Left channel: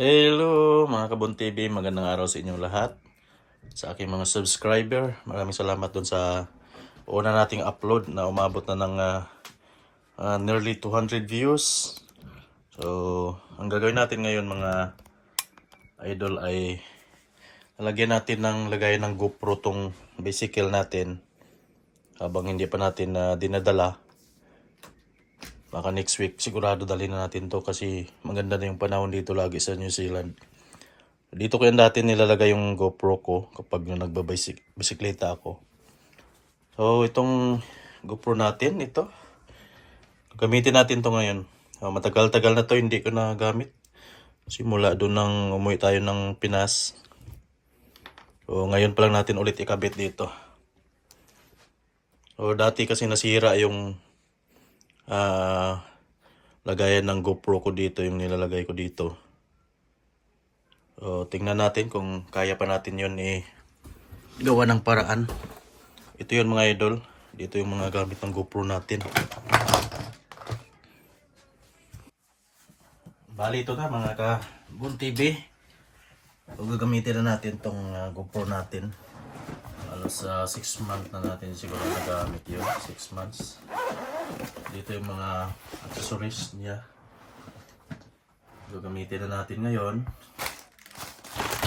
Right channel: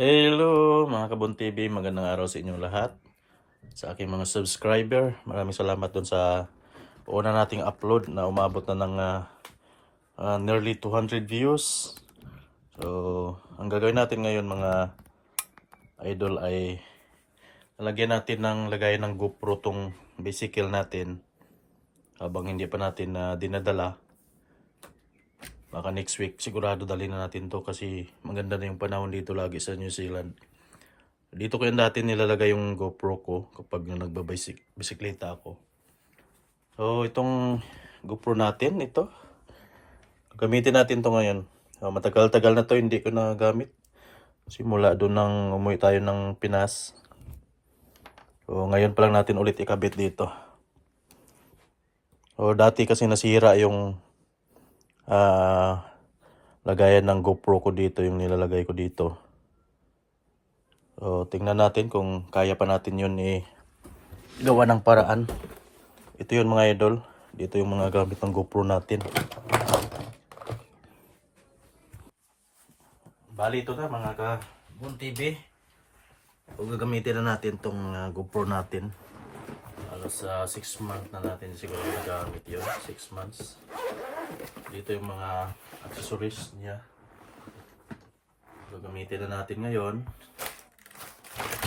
Hello mga Kabon TV, magandang araw sa inyong lahat. Sa aking mga subscriber, maraming salamat dun sa una nating upload na umabot na ng nearly 200 views. So, ang gagawin natin ngayon mga idol ay lalagyan natin ng lagayan ng GoPro tong bicycle natin habang hindi pa natin dinadala. Baka next week sigurado dalhin na natin to kasi maganda na yung panahon dito lagi sa New Zealand. Dito ko yan dati nilalagay yung GoPro ko kapag nagbabisikleta ako. So, itong GoPro natin, ito. Gamitin natin to ngayon. Matagal-tagal na to, hindi ko na gamit. Simula doon nang umuwi tayo ng Pinas. So, ngayon pa lang natin ulit ikabit dito. So, dati kasi nasira yung lagayan ng GoPro ko dito, yung nilalagay ko dito. So, tingnan natin kung kaya pa natin yun gawa ng paraan. Ito yun mga idol. Dito yung mga gamit ng GoPro natin. Bali ito na mga Kabon TV. So, gagamitin na natin tong GoPro natin. Alas 6 months na natin siguro nagamit yun. 6 months. Dito yung mga accessories niya. Gagamitin na natin ngayon.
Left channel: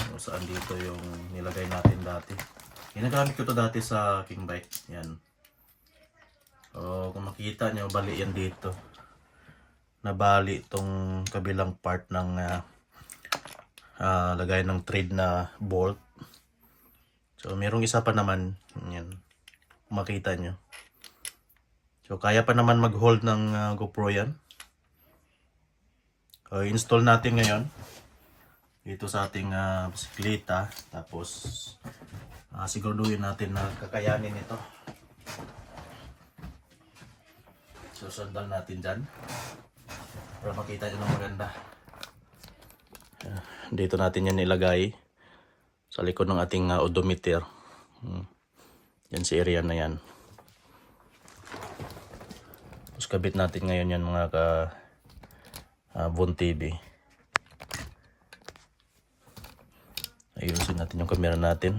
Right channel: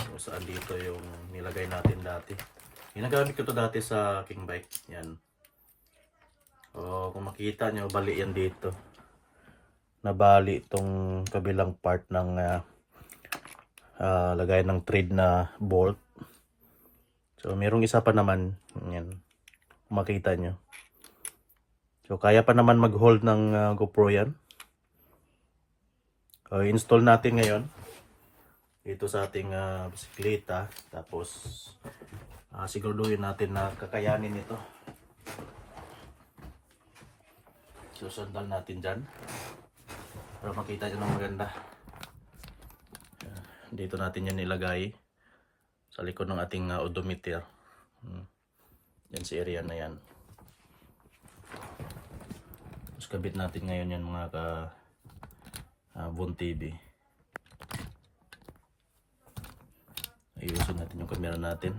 So, saan dito yung nilagay natin dati. Ginagamit ko to dati sa king bike. Yan. So, kung makita nyo, bali yan dito. Nabali itong kabilang part ng lagay ng thread na bolt. So, mayroong isa pa naman. Yan. Kung makita nyo. So, kaya pa naman mag-hold ng GoPro yan. So, install natin ngayon. Dito sa ating bisikleta. Tapos, siguraduhin natin na kakayanin ito. So, sandal natin dyan. Para makita nyo ng maganda. Dito natin yan ilagay. Sa likod ng ating odometer. Yan si area na yan. Tapos kabit natin ngayon yan mga Kabon TV. Ayusin natin yung camera natin.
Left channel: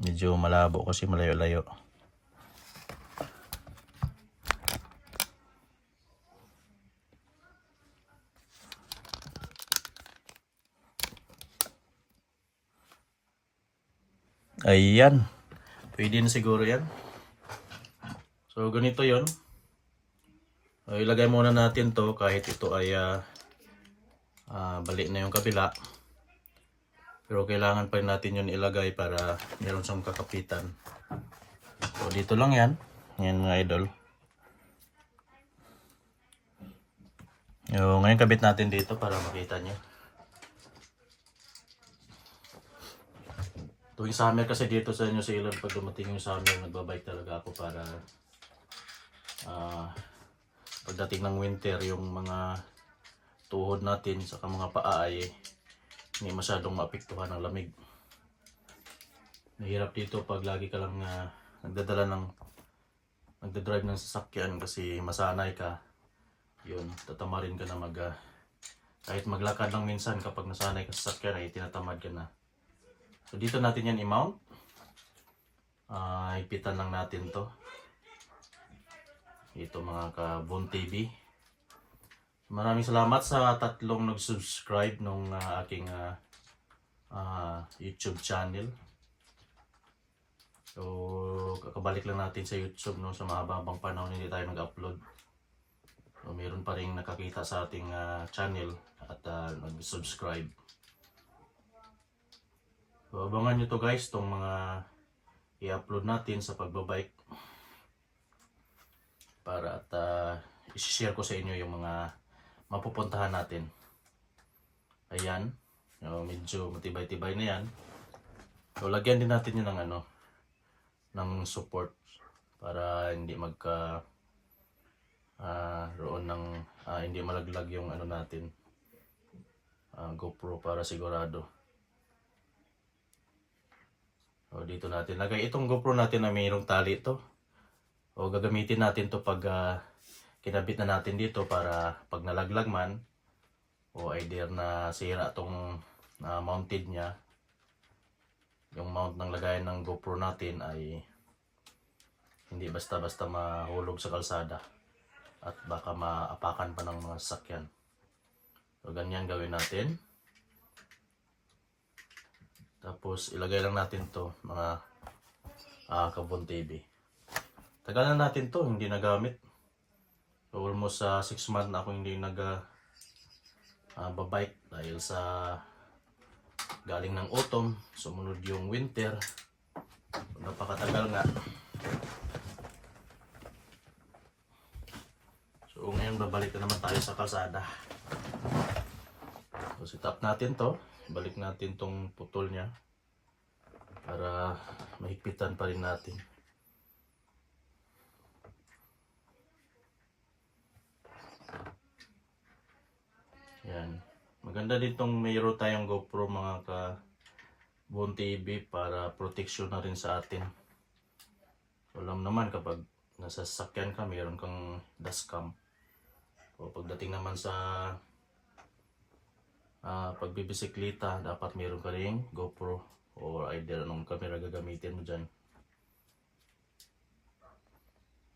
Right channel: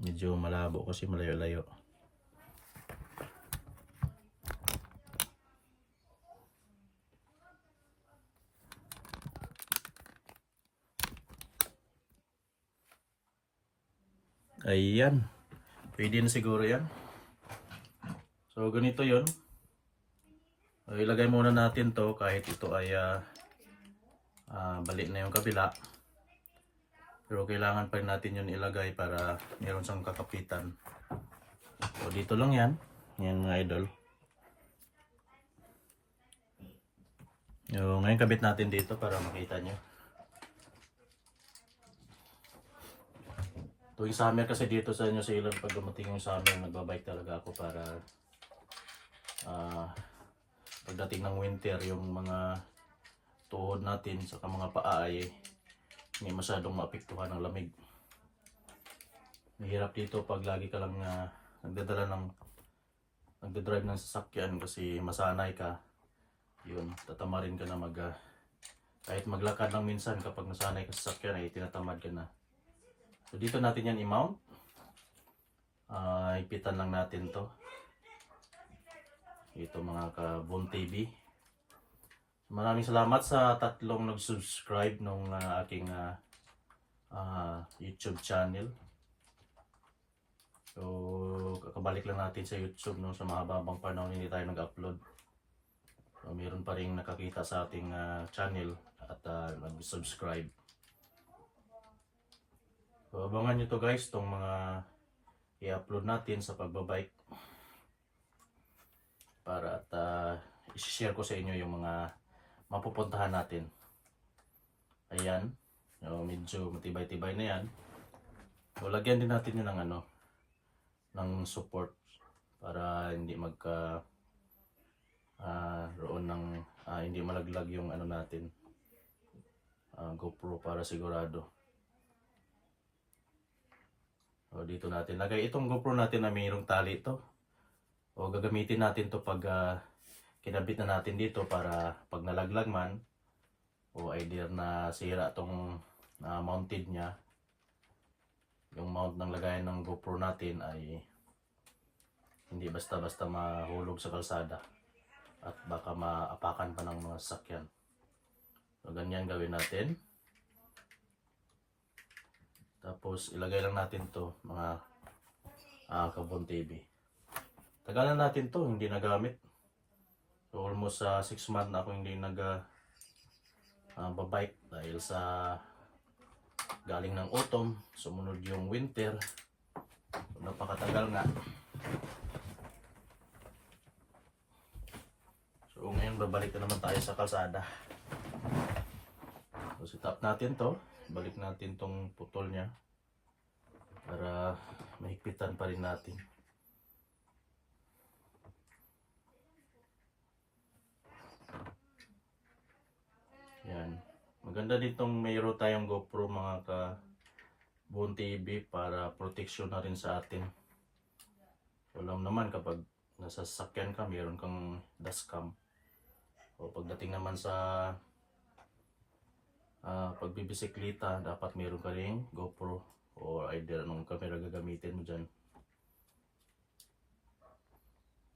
Medyo malabo kasi malayo-layo. Ayan. Pwede na siguro yan. So ganito yon. So, ilagay muna natin to kahit ito ay balik na yung kabila. Pero kailangan pa rin natin yun ilagay para meron siyang kakapitan. So dito lang yan. Yan mga idol. So, ngayon kabit natin dito para makita nyo. Tuwing summer kasi dito sa New Zealand, pag dumating yung summer, nagbabike talaga ako para pagdating ng winter, yung mga tuhod natin sa mga paa ay hindi masyadong maapektuhan ng lamig. Mahirap dito pag lagi ka lang nagdadrive ng sasakyan kasi masanay ka. Yun, tatamarin ka na kahit maglakad lang minsan kapag nasanay ka sa sasakyan ay tinatamad ka na. So dito natin yan i-mount. Ipitan lang natin to. Ito mga Kabon TV. Maraming salamat sa tatlong nag-subscribe nung aking YouTube channel. So kakabalik lang natin sa YouTube no, sa mahabang panahon hindi tayo nag-upload. So, mayroon pa rin nakakita sa ating channel at nag-subscribe. So, abangan nyo to guys, itong mga i-upload natin sa pagbabike. Para at i-share ko sa inyo yung mga mapupuntahan natin. Ayan. So, medyo matibay-tibay na yan. So, lagyan din natin yun ng support para hindi hindi malaglag yung natin GoPro para sigurado. So, dito natin lagay itong GoPro natin na mayroong tali ito. O gagamitin natin to pag kinabit na natin dito para pag nalaglag man o either na sira tong mounted niya, yung mount ng lagayan ng GoPro natin ay hindi basta-basta mahulog sa kalsada at baka maapakan pa ng mga sasakyan. So ganyan gawin natin. Tapos ilagay lang natin to mga Kabon TV. Tagal na natin to hindi nagamit. So almost 6 months na ako hindi babike dahil sa galing ng autumn, sumunod yung winter. Napakatagal nga. So ngayon babalik na naman tayo sa kalsada. So set up natin to. Balik natin tong putol niya para mahigpitan pa rin natin. Yan. Maganda ditong mayroon tayong GoPro mga Kabon TV para protection na rin sa atin. So, alam naman kapag nasa sasakyan ka, mayroon kang dashcam. So pagdating naman sa pagbibisikleta, dapat mayroon ka ring GoPro or either anong camera gagamitin mo dyan.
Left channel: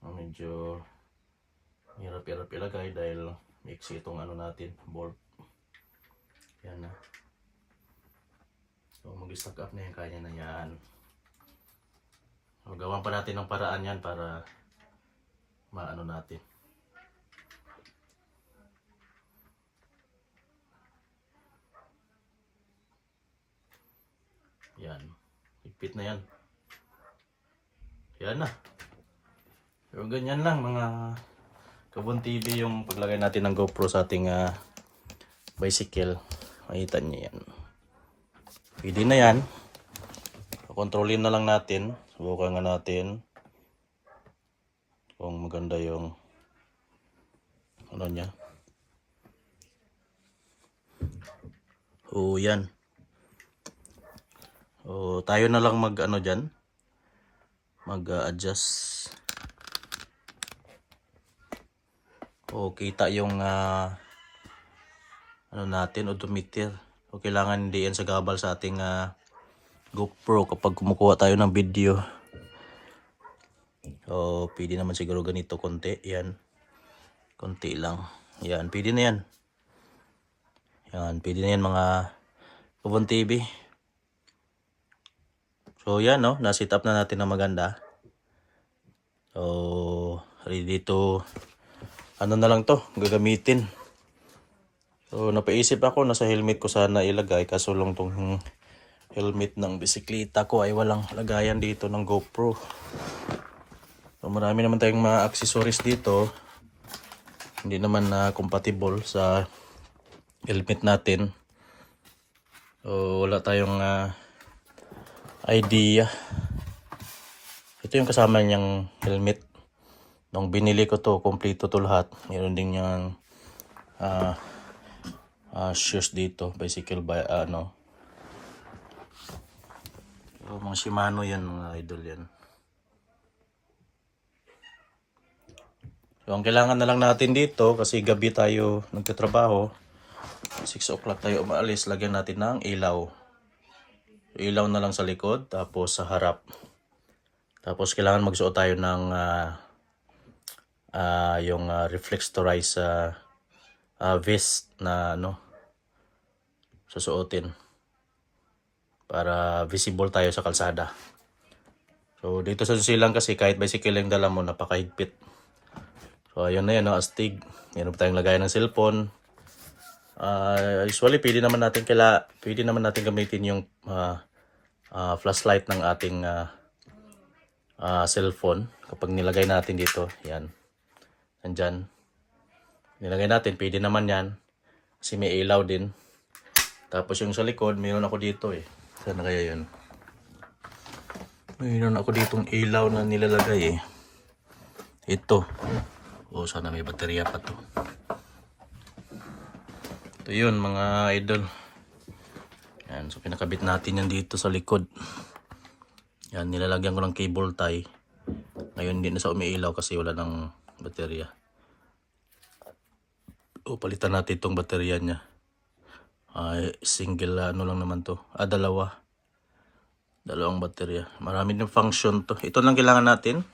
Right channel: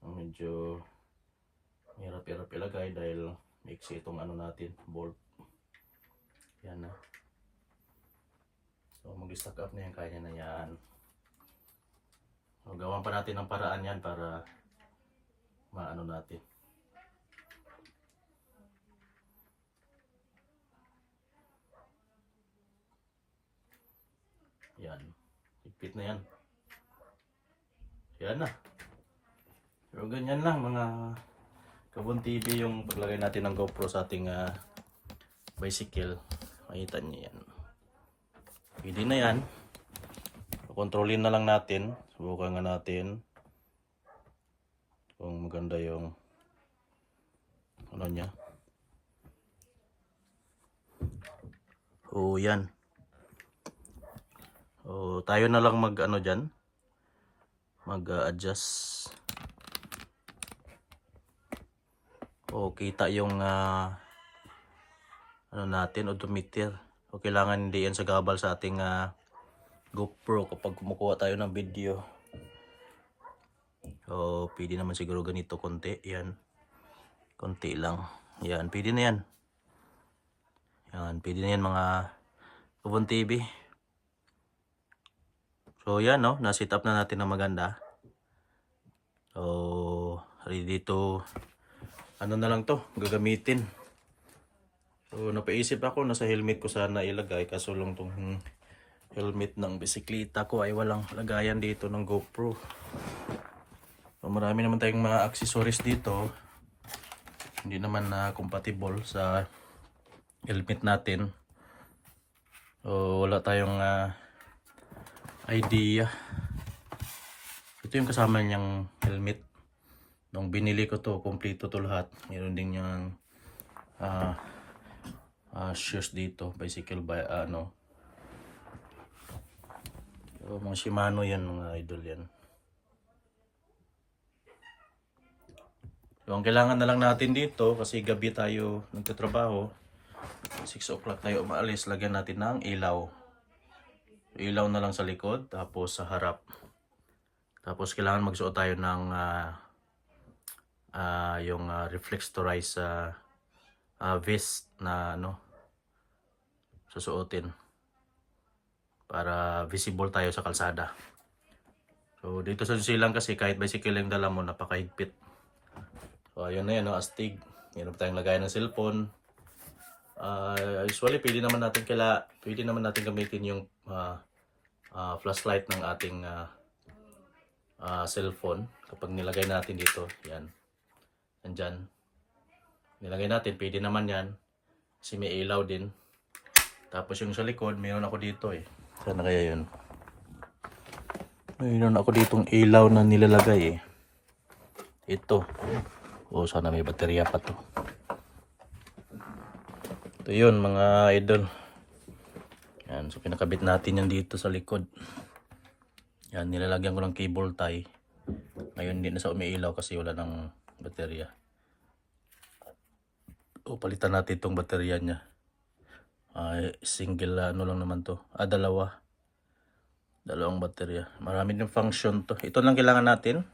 Medyo hirap-hirap ilagay dahil mix itong natin, bolt. Yan na. So mag-stack up na yan, kaya na yan. So gawan pa natin ng paraan yan para maano natin. Yan. Higpit na yan. Yan na. So ganyan lang mga Kabon TV yung paglagay natin ng GoPro sa ating bicycle. Makita niyo yan. Pwede na yan. Kontrolin na lang natin. Subukan nga natin kung maganda yung niya. Yan. Tayo na lang dyan. Mag-adjust. Kita yung natin, odometer. Kailangan hindi yan sa gabal sa ating GoPro kapag kumukuha tayo ng video. Pwede naman siguro ganito konti. Yan. Konti lang. Yan, pwede na yan. Yan, pwede na yan mga Kabon TV. So yan na-set up na natin na maganda. So ready to na lang to gagamitin. So napaisip ako na sa helmet ko sana ilagay, kaso lang tong helmet ng bisikleta ko ay walang lagayan dito ng GoPro. So marami naman tayong mga accessories dito. Hindi naman na compatible sa helmet natin. So wala tayong idea. Ito yung kasama niyang helmet. Nung binili ko to, kompleto to lahat. Meron din yung shoes dito, bicycle So, mga Shimano yan, mga idol yan. So ang kailangan na lang natin dito, kasi gabi tayo nagtatrabaho, 6 o'clock tayo umaalis, lagyan natin ng ilaw. Ilaw na lang sa likod, tapos sa harap. Tapos kailangan magsuot tayo ng yung reflectorized vest na susuotin para visible tayo sa kalsada. So dito sa silang kasi kahit bicycle yung dala mo, napakahigpit. So ayun na yan, astig. Meron tayong lagayan ng cellphone. Usually pwede naman natin gamitin yung flashlight ng ating cellphone kapag nilagay natin dito. Yan. Nandyan. Nilagay natin, pwede naman yan. Kasi may ilaw din. Tapos yung sa likod, mayroon ako dito Sana kaya yun? Mayroon ako ditong ilaw na nilalagay Ito. Sana may baterya pa to. Ito yun mga idol. Yan. So pinakabit natin yan dito sa likod. Yan. Nilalagyan ko ng cable tie. Ngayon hindi na sa umiilaw kasi wala ng baterya. So, palitan natin itong baterya niya. Single ano lang naman to. Dalawang baterya. Marami din function to. Ito lang kailangan natin.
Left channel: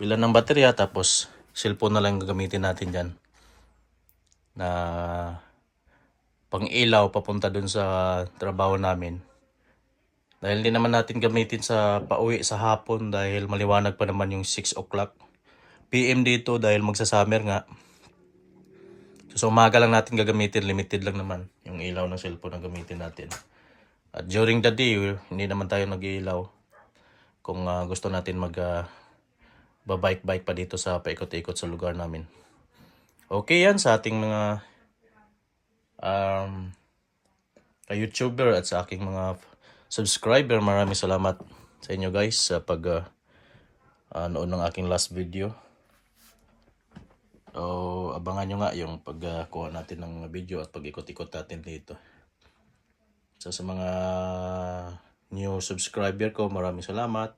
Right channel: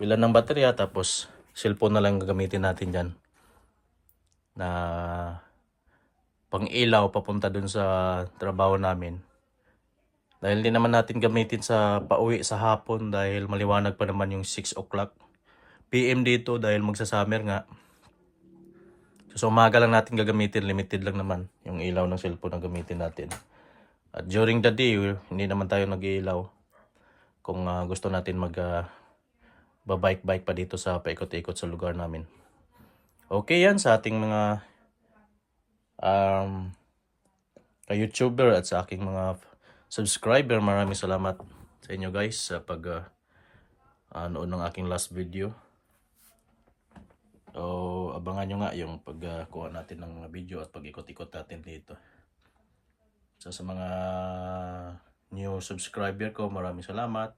Bilan ng baterya, tapos cellphone na lang gagamitin natin dyan. Na pang ilaw papunta dun sa trabaho namin. Dahil hindi naman natin gamitin sa pauwi sa hapon dahil maliwanag pa naman yung 6 o'clock PM dito dahil magsa-summer nga. So umaga lang natin gagamitin, limited lang naman yung ilaw ng cellphone na gamitin natin. At during the day, hindi naman tayo nag-iilaw. Kung gusto natin babike-bike pa dito sa paikot-ikot sa lugar namin. Okay yan sa ating mga YouTuber at sa aking mga subscriber. Maraming salamat sa inyo guys sa noon ng aking last video. So, abangan nyo nga yung pagkuha natin ng mga video at pag-ikot-ikot natin dito. So, sa mga new subscriber ko, maraming salamat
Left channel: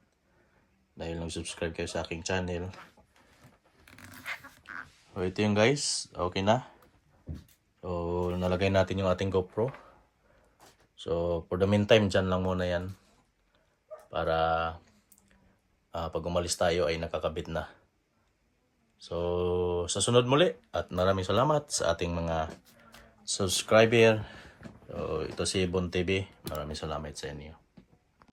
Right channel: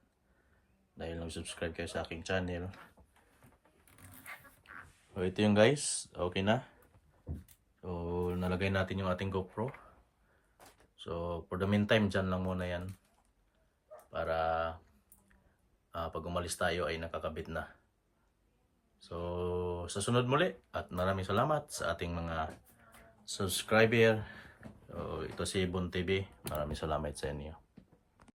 dahil nag-subscribe kayo sa aking channel. So, ito yung guys. Okay na. So, nalagay natin yung ating GoPro. So, for the meantime, dyan lang muna yan. Para pag umalis tayo ay nakakabit na. So, sa sunod muli at maraming salamat sa ating mga subscriber. So, ito si Bon TV. Maraming salamat sa inyo.